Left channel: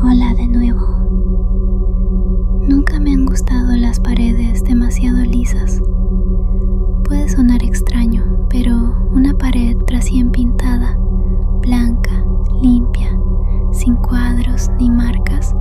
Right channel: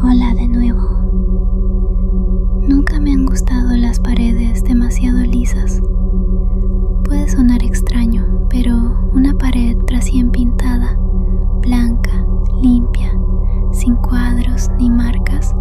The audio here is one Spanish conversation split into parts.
Hola de nuevo. Nunca me han gustado las paredes demasiado lisas. Puede sonar extraño, pero una pared recién pintada, blanca, limpia, sin cuadros ni marcas,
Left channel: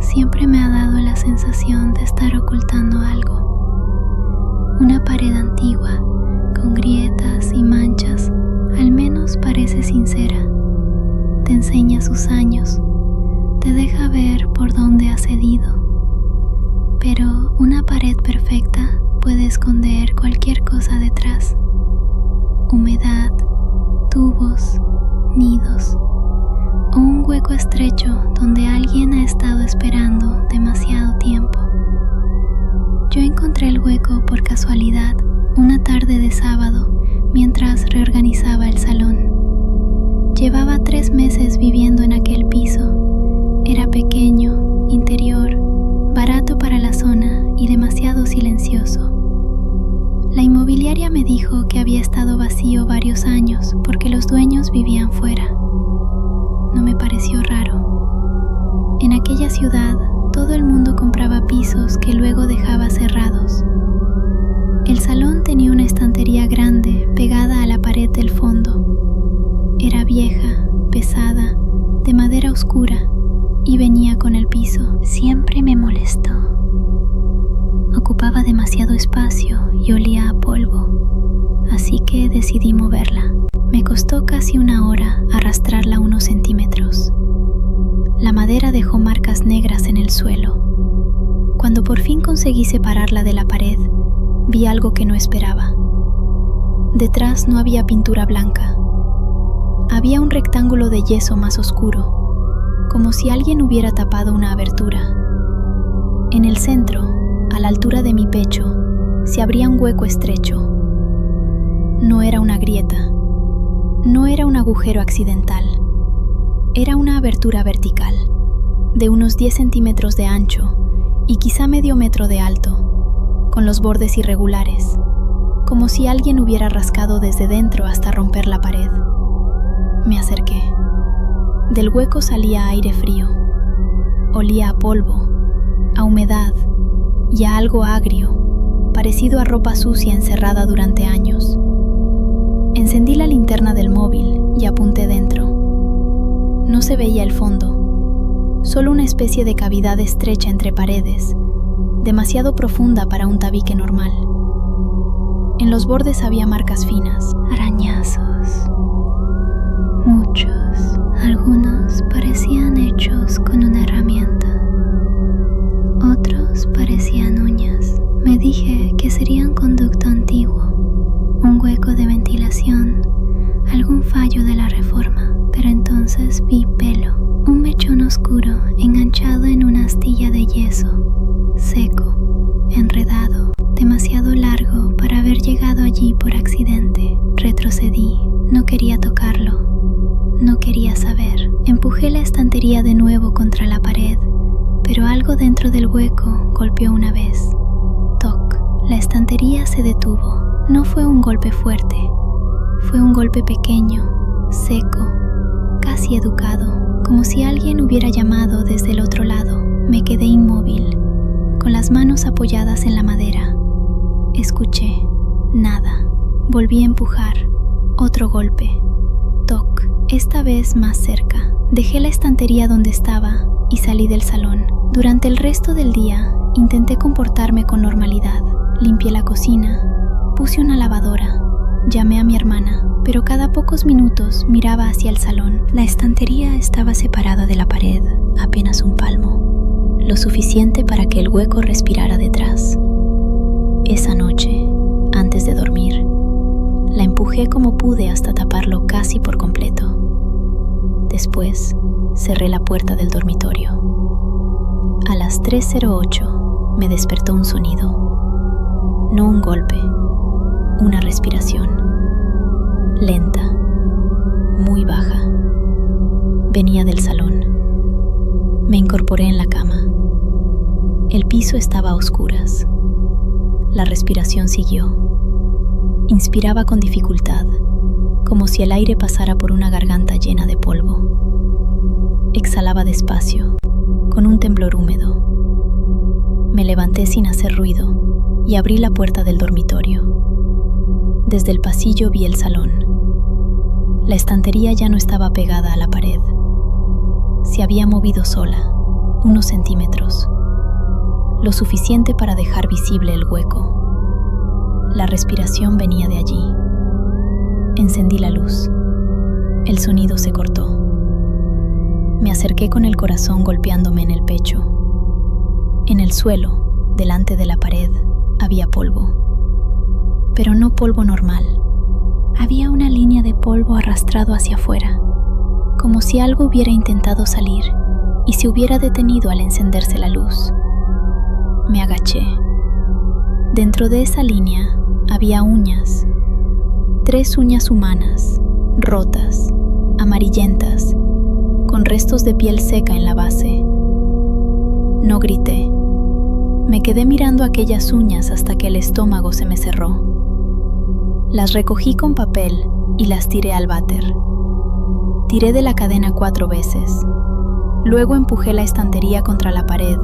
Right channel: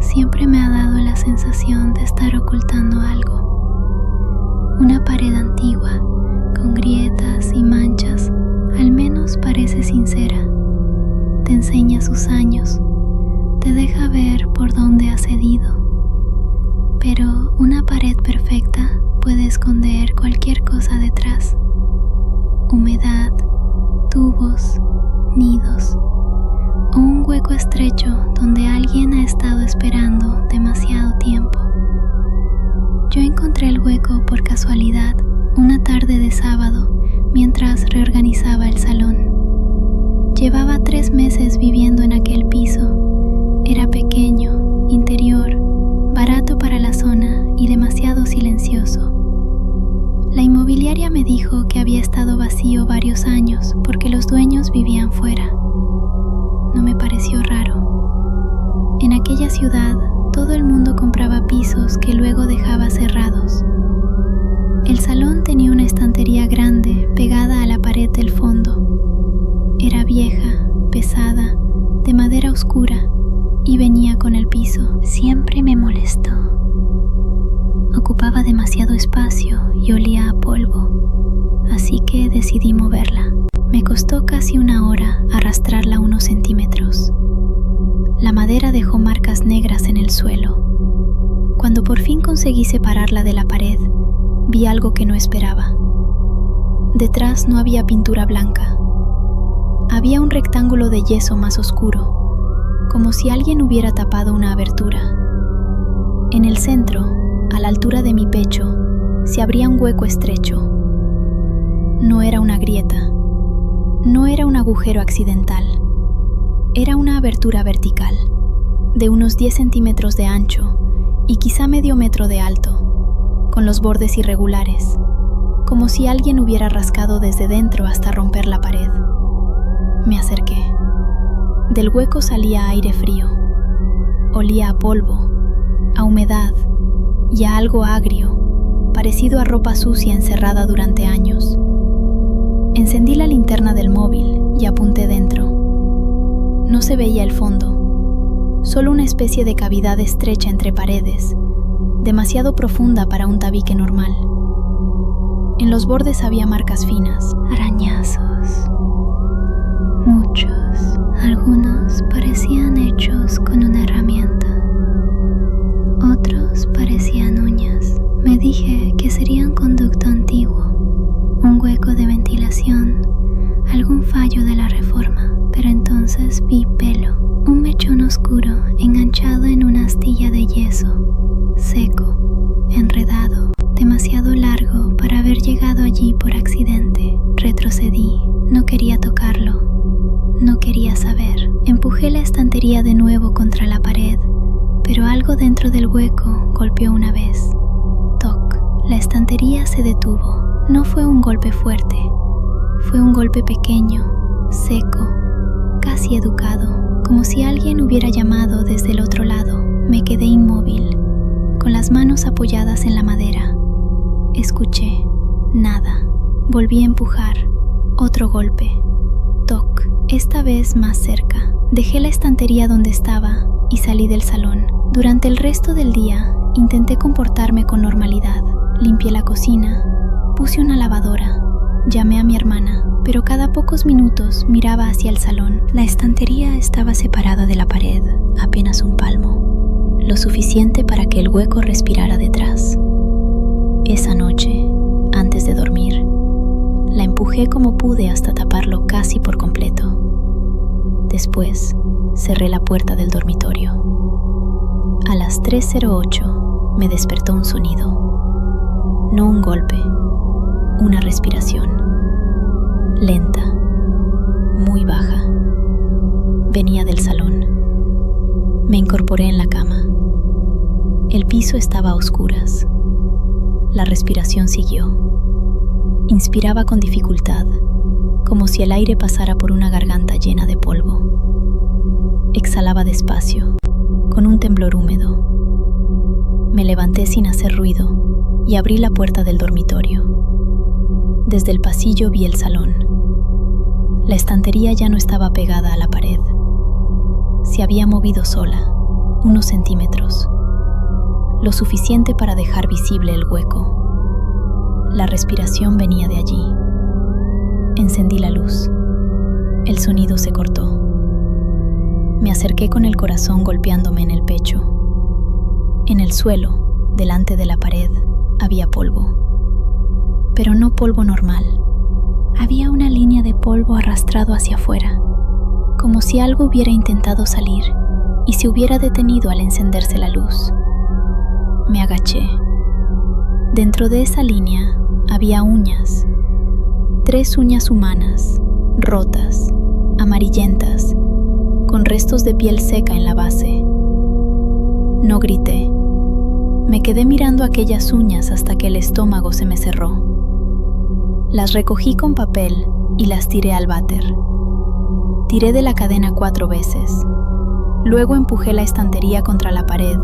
siempre me ha dado la sensación de estar ocultando algo. Una pared antigua, con grietas y manchas, al menos parece sincera. Te enseña sus años, te deja ver por dónde ha cedido. Pero una pared perfecta puede esconder cualquier cosa detrás. Humedad, tubos, nidos o un hueco estrecho donde alguien ha estado esperando demasiado tiempo. Yo encontré el hueco por casualidad una tarde de sábado mientras reorganizaba el salón. Llevaba 3 meses viviendo en aquel piso. Era pequeño, interior, barato para la zona y demasiado silencioso. La inmobiliaria me dijo que había estado vacío varios años porque los dueños vivían fuera. No me pareció raro. En aquella ciudad, todo el mundo compraba pisos que luego dejaba cerrados. El salón tenía una estantería grande pegada a la pared del fondo. Era vieja, pesada, de madera oscura y venía con el piso. Siempre me molestó. Ocupaba demasiado espacio y olía a polvo, así que decidí moverla. Me costó casi 1 hora arrastrarla unos centímetros. La madera dejó marcas negras en el suelo. Cuando por fin conseguí separarla de la pared, vi algo que no esperaba. Detrás no había pintura blanca. Había un rectángulo de yeso más oscuro, como si alguien hubiera tapado una abertura. En el centro, a la altura de mi pecho, se abría un hueco estrecho. No era una grieta. No era un agujero accidental. Era una abertura vertical, de unos 10 centímetros de ancho y quizá medio metro de alto, con los bordes irregulares, como si alguien hubiera rascado desde dentro hasta romper la pared. Me acerqué. Del hueco salía aire frío. Olía a polvo, a humedad y a algo agrio, parecido a ropa sucia encerrada durante años. Encendí la linterna del móvil y apunté dentro. No se veía el fondo, solo una especie de cavidad estrecha entre paredes, demasiado profunda para un tabique normal. En los bordes había marcas finas, arañazos, muchos. Algunos parecían hechos con una herramienta, otros parecían uñas. Me dije que sería un conducto antiguo, un hueco de ventilación, algún fallo de la reforma, pero entonces vi pelo, un mechón oscuro enganchado en una astilla de yeso, seco, enredado, demasiado largo para haber llegado allí por accidente. Retrocedí, no quería tocarlo. No quería saber. Empujé la estantería de nuevo contra la pared, pero algo dentro del hueco golpeó una vez. Toc. La estantería se detuvo. No fue un golpe fuerte. Fue un golpe pequeño, seco, casi educado, como si alguien hubiera llamado desde el otro lado. Me quedé inmóvil, con las manos apoyadas en la madera. Escuché. Nada. Volví a empujar. Otro golpe. Toc. Esta vez más cerca. Dejé la estantería donde estaba y salí del salón. Durante el resto del día, intenté comportarme con normalidad. Limpié la cocina, puse una lavadora, llamé a mi hermana, pero cada pocos minutos miraba hacia el salón. La estantería estaba separada de la pared, apenas un palmo, lo suficiente para que el hueco respirara detrás. Esa noche, antes de dormir, la empujé como pude hasta taparlo casi por completo. Después, cerré la puerta del dormitorio. A las 3:08 me despertó un sonido. No un golpe, una respiración. Lenta, muy baja. Venía del salón. Me incorporé en la cama. El piso estaba a oscuras. La respiración siguió. Inspiraba con dificultad, como si el aire pasara por una garganta llena de polvo. Exhalaba despacio, con un temblor húmedo. Me levanté sin hacer ruido y abrí la puerta del dormitorio. Desde el pasillo vi el salón. La estantería ya no estaba pegada a la pared. Se había movido sola, unos centímetros, lo suficiente para dejar visible el hueco. La respiración venía de allí. Encendí la luz. El sonido se cortó. Me acerqué con el corazón golpeándome en el pecho. En el suelo, delante de la pared, había polvo. Pero no polvo normal. Había una línea de polvo arrastrado hacia afuera, como si algo hubiera intentado salir y se hubiera detenido al encenderse la luz. Me agaché. Dentro de esa línea había uñas. 3 uñas humanas, rotas, amarillentas, con restos de piel seca en la base. No grité. Me quedé mirando aquellas uñas hasta que el estómago se me cerró. Las recogí con papel y las tiré al váter. Tiré de la cadena 4 veces. Luego empujé la estantería contra la pared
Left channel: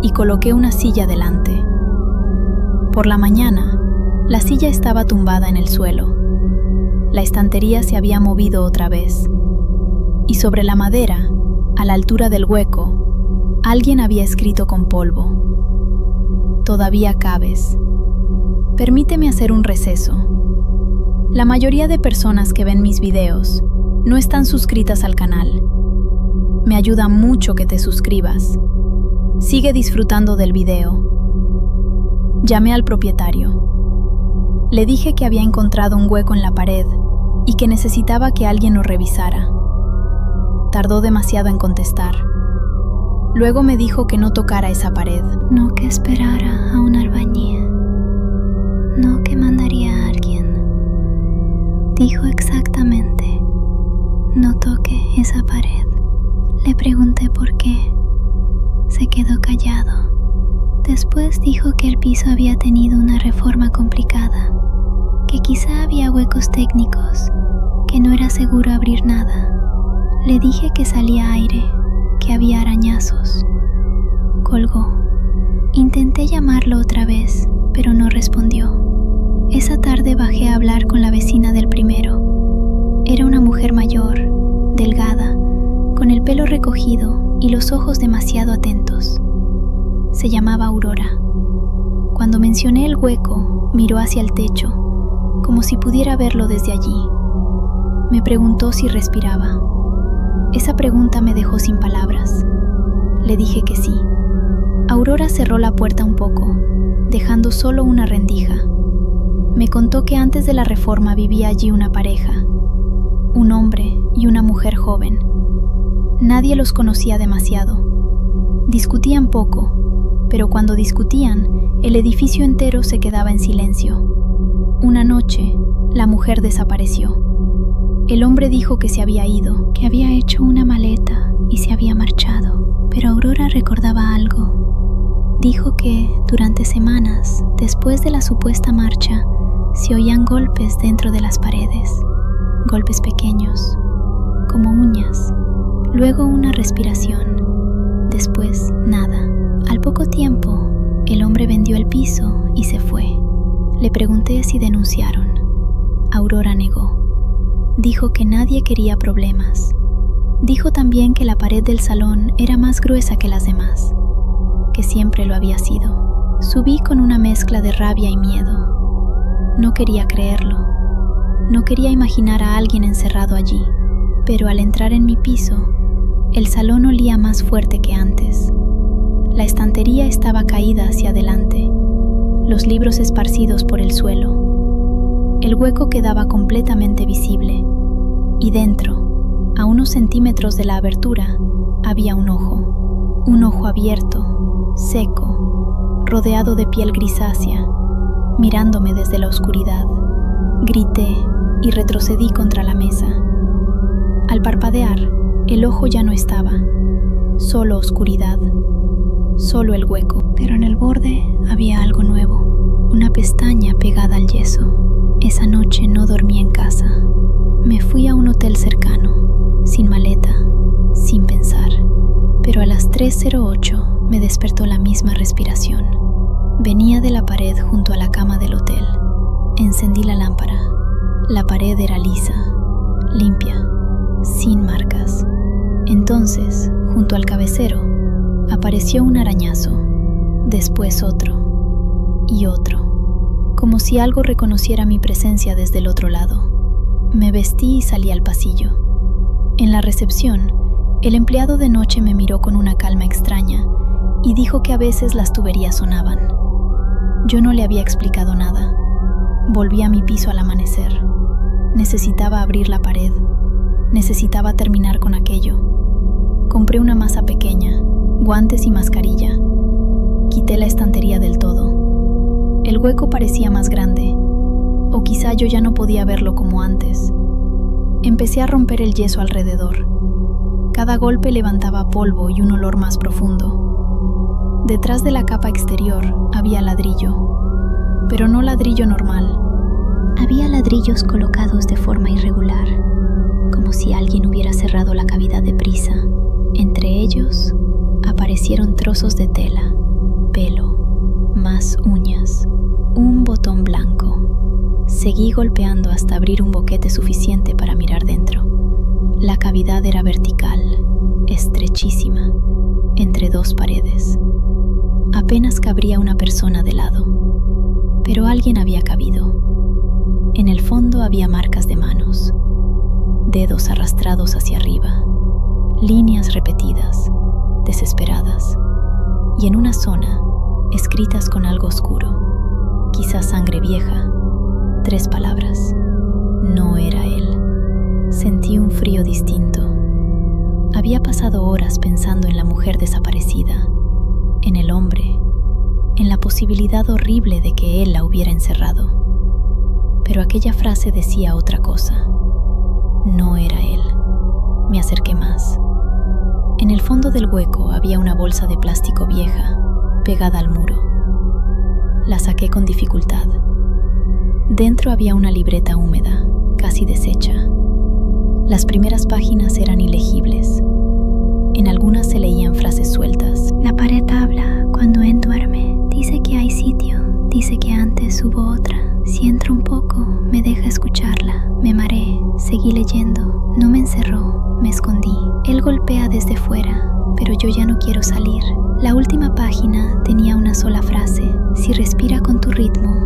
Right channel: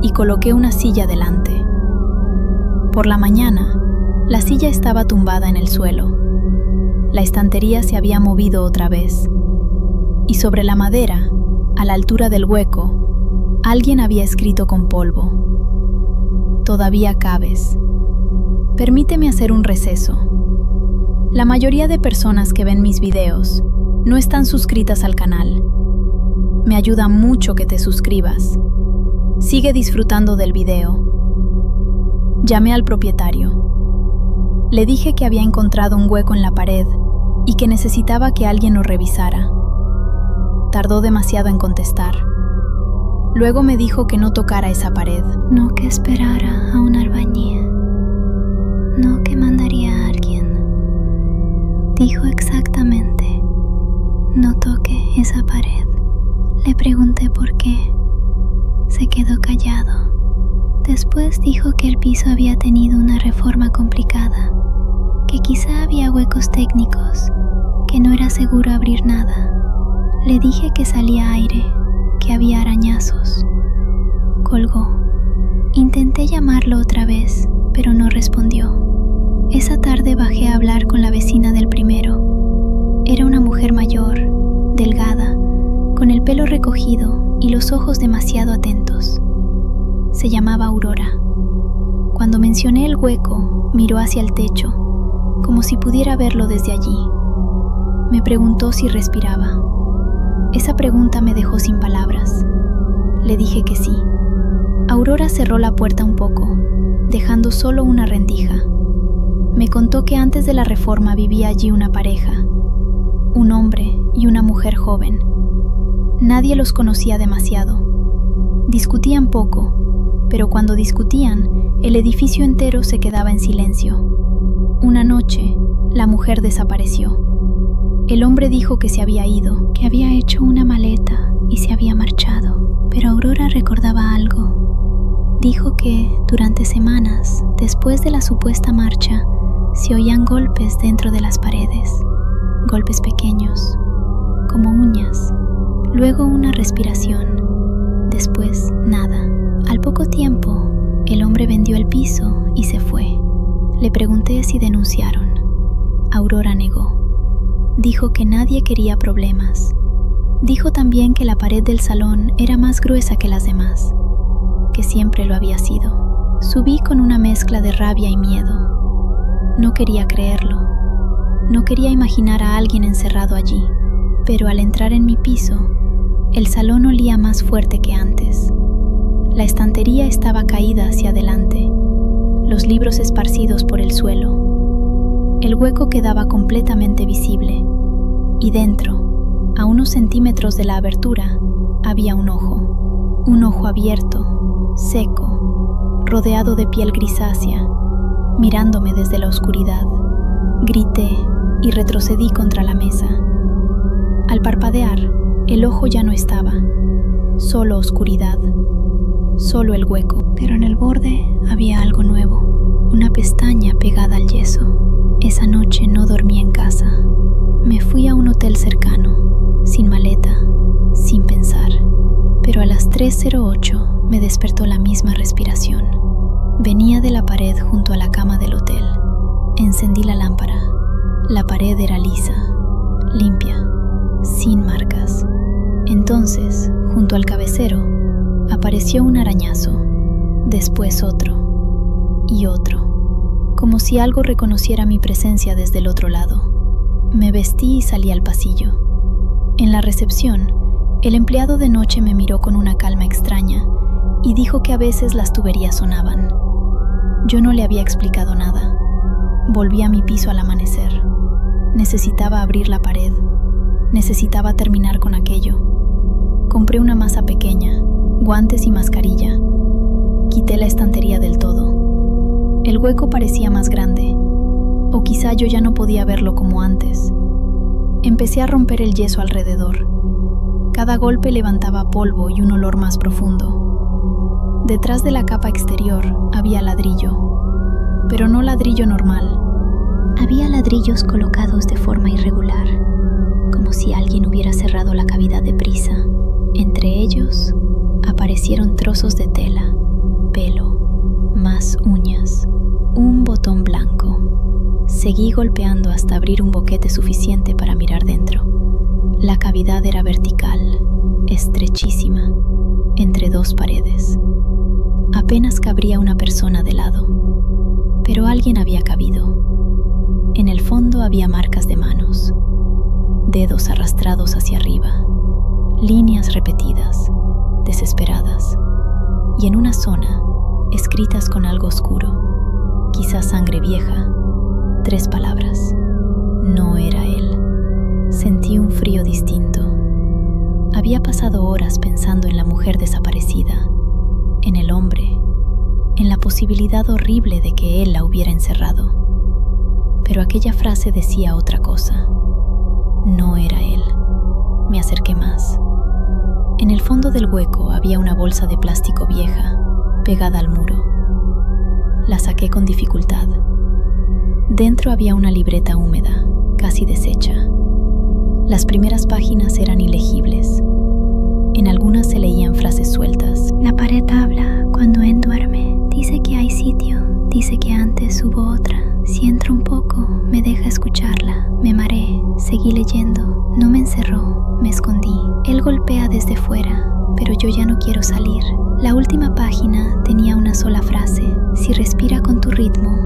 y coloqué una silla delante. Por la mañana, la silla estaba tumbada en el suelo. La estantería se había movido otra vez. Y sobre la madera, a la altura del hueco, alguien había escrito con polvo: "Todavía cabes. Permíteme hacer un receso". La mayoría de personas que ven mis videos no están suscritas al canal. Me ayuda mucho que te suscribas. Sigue disfrutando del video. Llamé al propietario. Le dije que había encontrado un hueco en la pared y que necesitaba que alguien lo revisara. Tardó demasiado en contestar. Luego me dijo que no tocara esa pared. No que esperara a un albañil. No que mandaría a alguien. Dijo exactamente: no toque esa pared. Le pregunté por qué. Se quedó callado. Después dijo que el piso había tenido una reforma complicada, que quizá había huecos técnicos, que no era seguro abrir nada. Le dije que salía aire, que había arañazos. Colgó. Intenté llamarlo otra vez, pero no respondió. Esa tarde bajé a hablar con la vecina del primero. Era una mujer mayor, delgada, con el pelo recogido y los ojos demasiado atentos. Se llamaba Aurora. Cuando mencioné el hueco, miró hacia el techo, como si pudiera verlo desde allí. Me preguntó si respiraba. Esa pregunta me dejó sin palabras. Le dije que sí. Aurora cerró la puerta un poco, dejando solo una rendija. Me contó que antes de la reforma vivía allí una pareja, un hombre y una mujer joven. Nadie los conocía demasiado. Discutían poco, pero cuando discutían, el edificio entero se quedaba en silencio. Una noche, la mujer desapareció. El hombre dijo que se había ido, que había hecho una maleta y se había marchado, pero Aurora recordaba algo. Dijo que, durante semanas, después de la supuesta marcha, se oían golpes dentro de las paredes, golpes pequeños, como uñas, luego una respiración, después nada. Al poco tiempo, el hombre vendió el piso y se fue. Le pregunté si denunciaron. Aurora negó. Dijo que nadie quería problemas. Dijo también que la pared del salón era más gruesa que las demás, que siempre lo había sido. Subí con una mezcla de rabia y miedo. No quería creerlo. No quería imaginar a alguien encerrado allí. Pero al entrar en mi piso, el salón olía más fuerte que antes. La estantería estaba caída hacia adelante, los libros esparcidos por el suelo. El hueco quedaba completamente visible, y dentro, a unos centímetros de la abertura, había un ojo abierto, seco, rodeado de piel grisácea, mirándome desde la oscuridad. Grité y retrocedí contra la mesa. Al parpadear, el ojo ya no estaba, solo oscuridad, solo el hueco. Pero en el borde había algo nuevo, una pestaña pegada al yeso. Esa noche no dormí en casa. Me fui a un hotel cercano, sin maleta, sin pensar. Pero a las 3:08 me despertó la misma respiración. Venía de la pared junto a la cama del hotel. Encendí la lámpara. La pared era lisa, limpia, sin marcas. Entonces, junto al cabecero, apareció un arañazo, después otro y otro, como si algo reconociera mi presencia desde el otro lado. Me vestí y salí al pasillo. En la recepción, el empleado de noche me miró con una calma extraña y dijo que a veces las tuberías sonaban. Yo no le había explicado nada. Volví a mi piso al amanecer. Necesitaba abrir la pared. Necesitaba terminar con aquello. Compré una masa pequeña, guantes y mascarilla. Quité la estantería del todo. El hueco parecía más grande, o quizá yo ya no podía verlo como antes. Empecé a romper el yeso alrededor. Cada golpe levantaba polvo y un olor más profundo. Detrás de la capa exterior había ladrillo, pero no ladrillo normal. Había ladrillos colocados de forma irregular, como si alguien hubiera cerrado la cavidad deprisa. Entre ellos aparecieron trozos de tela, pelo, más uñas, un botón blanco. Seguí golpeando hasta abrir un boquete suficiente para mirar dentro. La cavidad era vertical, estrechísima, entre dos paredes. Apenas cabría una persona de lado, pero alguien había cabido. En el fondo había marcas de manos, dedos arrastrados hacia arriba, líneas repetidas, desesperadas, y en una zona, escritas con algo oscuro, quizás sangre vieja, 3 palabras. No era él. Sentí un frío distinto. Había pasado horas pensando en la mujer desaparecida, en el hombre, en la posibilidad horrible de que él la hubiera encerrado. Pero aquella frase decía otra cosa. No era él. Me acerqué más. En el fondo del hueco había una bolsa de plástico vieja, pegada al muro. La saqué con dificultad. Dentro había una libreta húmeda, casi deshecha. Las primeras páginas eran ilegibles. En algunas se leían frases sueltas. La pared habla cuando él duerme. Dice que hay sitio. Dice que antes hubo otra. Si entro un poco, me deja escucharla. Me mareé. Seguí leyendo. No me encerró. Me escondí. Él golpea desde fuera, pero yo ya no quiero salir. La última página tenía una sola frase. Si respira con tu ritmo,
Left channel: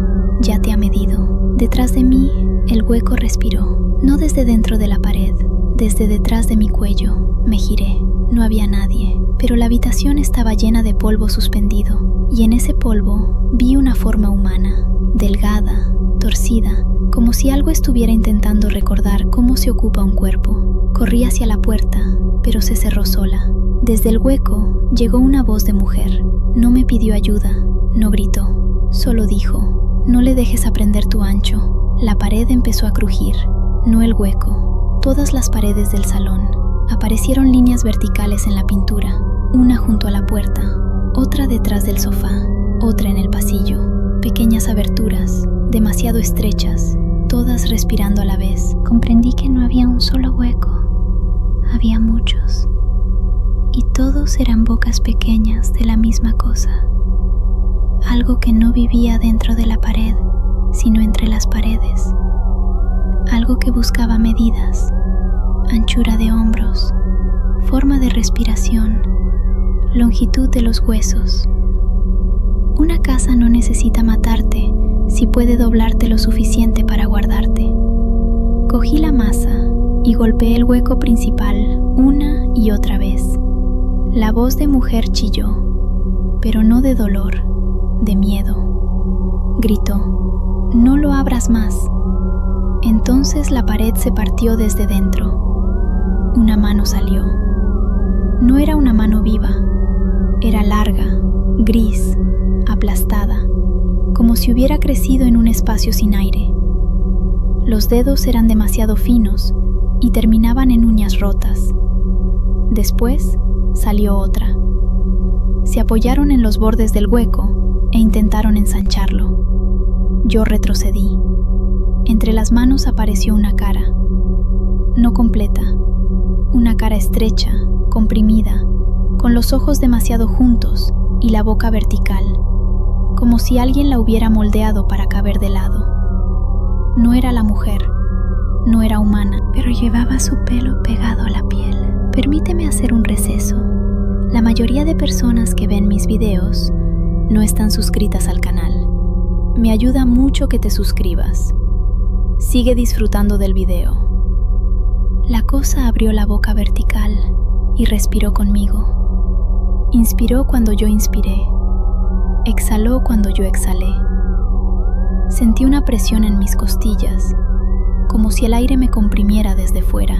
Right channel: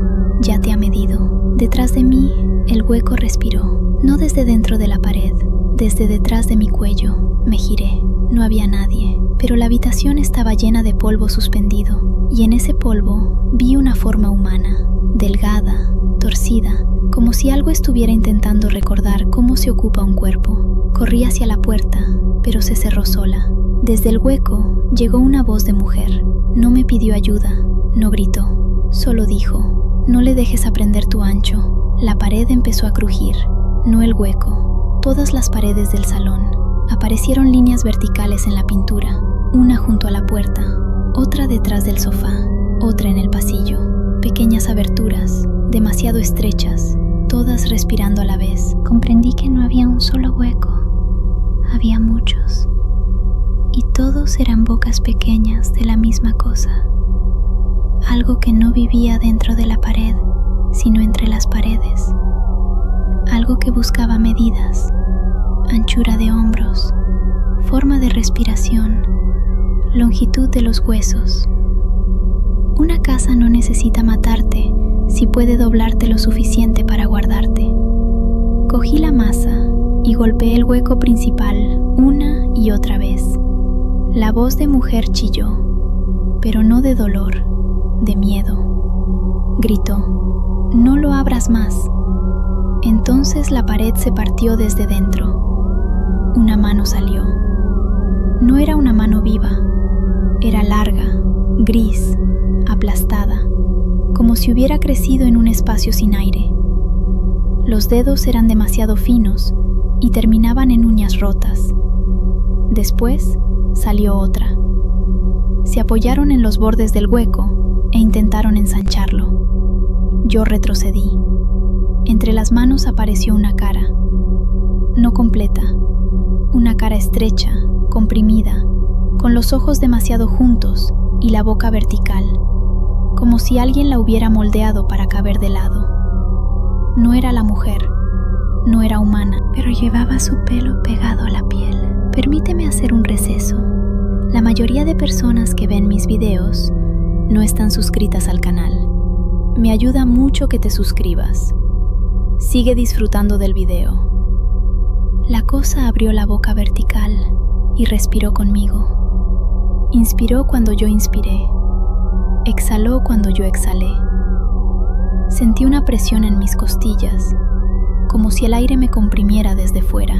ya te ha medido. Detrás de mí, el hueco respiró. No desde dentro de la pared, desde detrás de mi cuello. Me giré. No había nadie, pero la habitación estaba llena de polvo suspendido, y en ese polvo vi una forma humana, delgada, torcida, como si algo estuviera intentando recordar cómo se ocupa un cuerpo. Corrí hacia la puerta, pero se cerró sola. Desde el hueco llegó una voz de mujer. No me pidió ayuda, no gritó, solo dijo: no le dejes aprender tu ancho. La pared empezó a crujir. No el hueco, todas las paredes del salón. Aparecieron líneas verticales en la pintura, una junto a la puerta, otra detrás del sofá, otra en el pasillo. Pequeñas aberturas, demasiado estrechas, todas respirando a la vez. Comprendí que no había un solo hueco, había muchos. Y todos eran bocas pequeñas de la misma cosa. Algo que no vivía dentro de la pared, sino entre las paredes. Algo que buscaba medidas, anchura de hombros, forma de respiración, longitud de los huesos. Una casa no necesita matarte si puede doblarte lo suficiente para guardarte. Cogí la masa y golpeé el hueco principal una y otra vez. La voz de mujer chilló, pero no de dolor, de miedo. Gritó: no lo abras más. Entonces la pared se partió desde dentro. Una mano salió. No era una mano viva. Era larga, gris, aplastada, como si hubiera crecido en un espacio sin aire. Los dedos eran demasiado finos y terminaban en uñas rotas. Después salió otra. Se apoyaron en los bordes del hueco e intentaron ensancharlo. Yo retrocedí. Entre las manos apareció una cara. No completa. Una cara estrecha, comprimida, con los ojos demasiado juntos y la boca vertical, como si alguien la hubiera moldeado para caber de lado. No era la mujer, no era humana, pero llevaba su pelo pegado a la piel. Permíteme hacer un receso. La mayoría de personas que ven mis videos no están suscritas al canal. Me ayuda mucho que te suscribas. Sigue disfrutando del video. La cosa abrió la boca vertical y respiró conmigo. Inspiró cuando yo inspiré. Exhaló cuando yo exhalé. Sentí una presión en mis costillas, como si el aire me comprimiera desde fuera.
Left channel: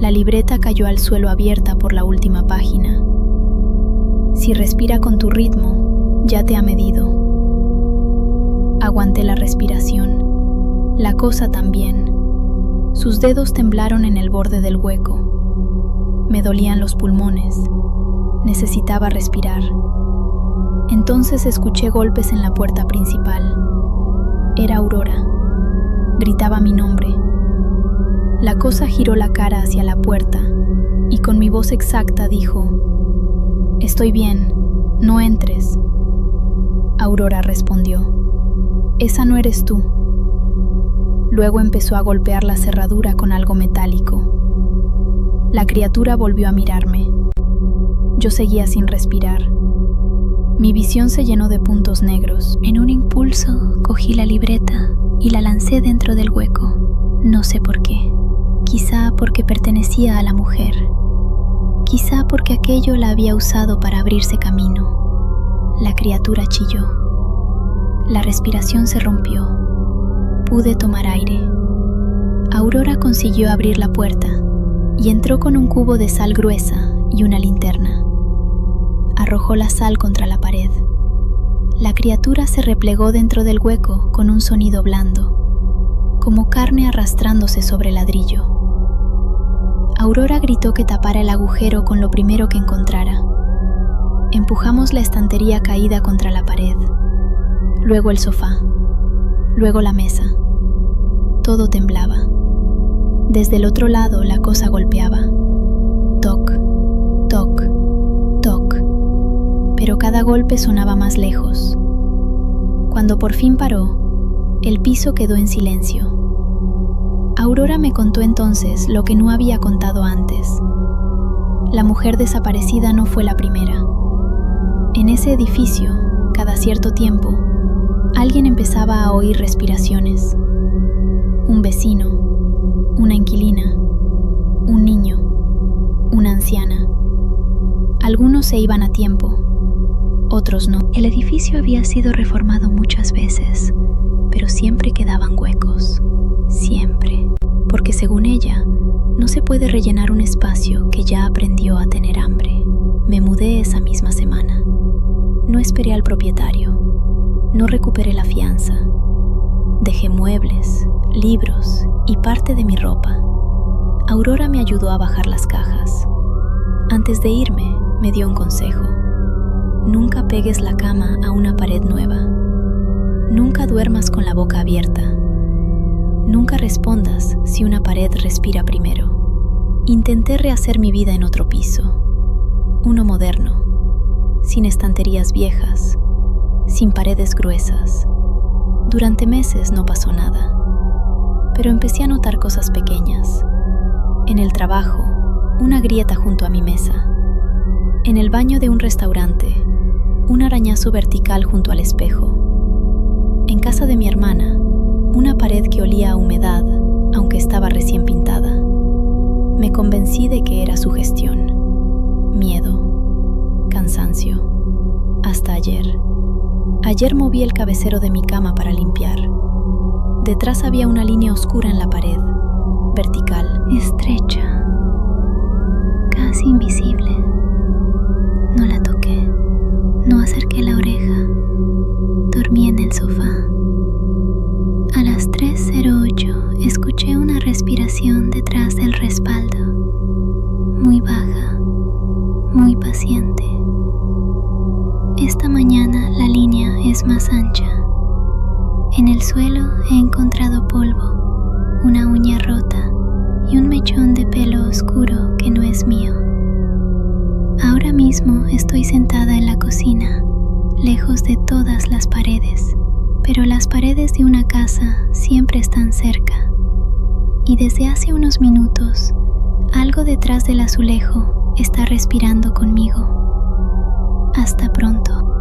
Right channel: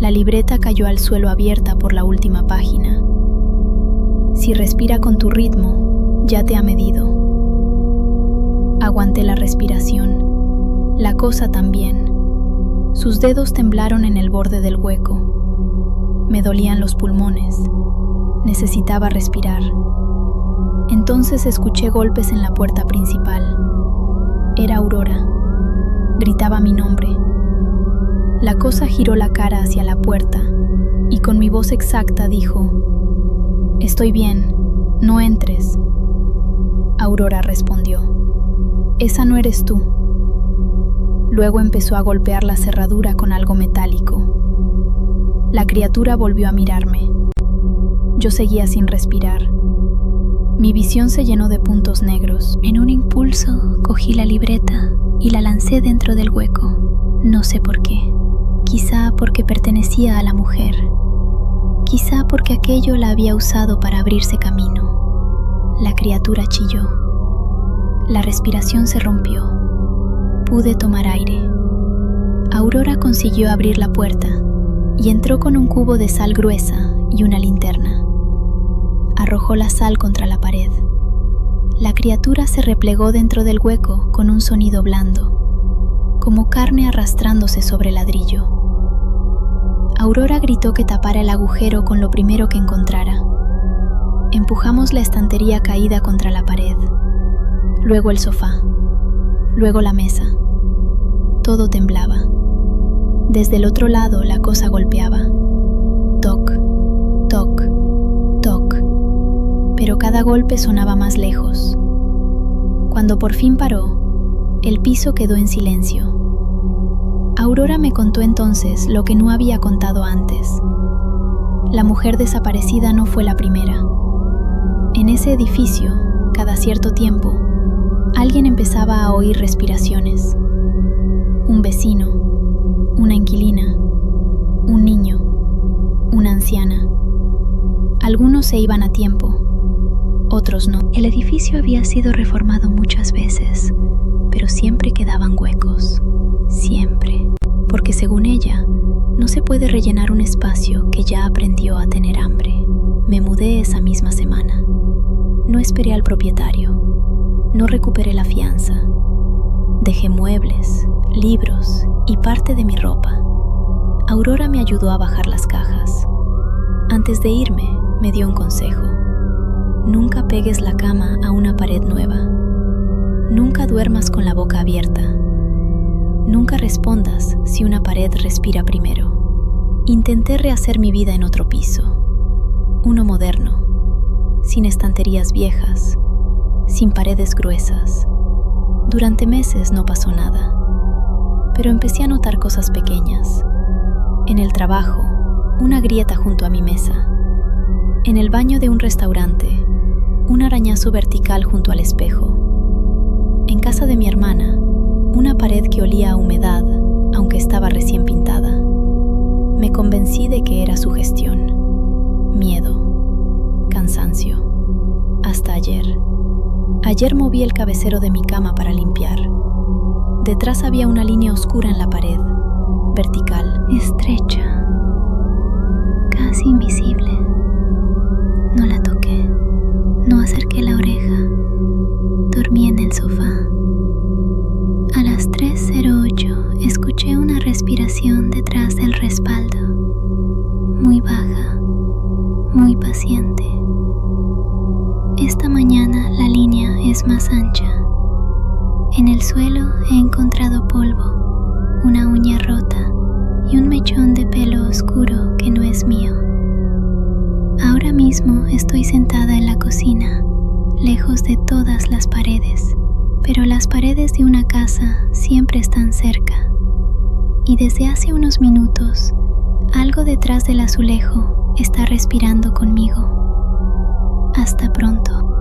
La libreta cayó al suelo abierta por la última página. Si respira con tu ritmo, ya te ha medido. Aguanté la respiración. La cosa también. Sus dedos temblaron en el borde del hueco. Me dolían los pulmones. Necesitaba respirar. Entonces escuché golpes en la puerta principal. Era Aurora. Gritaba mi nombre. La cosa giró la cara hacia la puerta y con mi voz exacta dijo: «Estoy bien, no entres». Aurora respondió: «Esa no eres tú». Luego empezó a golpear la cerradura con algo metálico. La criatura volvió a mirarme. Yo seguía sin respirar. Mi visión se llenó de puntos negros. En un impulso, cogí la libreta y la lancé dentro del hueco. No sé por qué. Quizá porque pertenecía a la mujer. Quizá porque aquello la había usado para abrirse camino. La criatura chilló. La respiración se rompió. Pude tomar aire. Aurora consiguió abrir la puerta y entró con un cubo de sal gruesa y una linterna. Arrojó la sal contra la pared. La criatura se replegó dentro del hueco con un sonido blando, como carne arrastrándose sobre ladrillo. Aurora gritó que tapara el agujero con lo primero que encontrara. Empujamos la estantería caída contra la pared, luego el sofá, luego la mesa. Todo temblaba. Desde el otro lado la cosa golpeaba. Toc, toc, toc. Pero cada golpe sonaba más lejos. Cuando por fin paró, el piso quedó en silencio. Aurora me contó entonces lo que no había contado antes. La mujer desaparecida no fue la primera. En ese edificio, cada cierto tiempo, alguien empezaba a oír respiraciones. Un vecino, una inquilina, un niño, una anciana. Algunos se iban a tiempo, otros no. El edificio había sido reformado muchas veces, pero siempre quedaban huecos. Siempre. Porque según ella, no se puede rellenar un espacio que ya aprendió a tener hambre. Me mudé esa misma semana. No esperé al propietario. No recuperé la fianza. Dejé muebles, libros y parte de mi ropa. Aurora me ayudó a bajar las cajas. Antes de irme, me dio un consejo. Nunca pegues la cama a una pared nueva. Nunca duermas con la boca abierta. Nunca respondas si una pared respira primero. Intenté rehacer mi vida en otro piso. Uno moderno, sin estanterías viejas, sin paredes gruesas. Durante meses no pasó nada, pero empecé a notar cosas pequeñas. En el trabajo, una grieta junto a mi mesa. En el baño de un restaurante, un arañazo vertical junto al espejo. En casa de mi hermana, una pared que olía a humedad, aunque estaba recién pintada. Me convencí de que era sugestión, miedo, cansancio. Hasta ayer. Ayer moví el cabecero de mi cama para limpiar. Detrás había una línea oscura en la pared, vertical. Estrecha, casi invisible. No la toqué, no acerqué la oreja. Dormí en el sofá. A las 3:08 escuché una respiración detrás del respaldo, muy baja, muy paciente. Esta mañana la línea es más ancha. En el suelo he encontrado polvo, una uña rota y un mechón de pelo oscuro que no es mío. Ahora mismo estoy sentada en la cocina, lejos de todas las paredes, pero las paredes de una casa siempre están cerca. Y desde hace unos minutos, algo detrás del azulejo está respirando conmigo. Hasta pronto.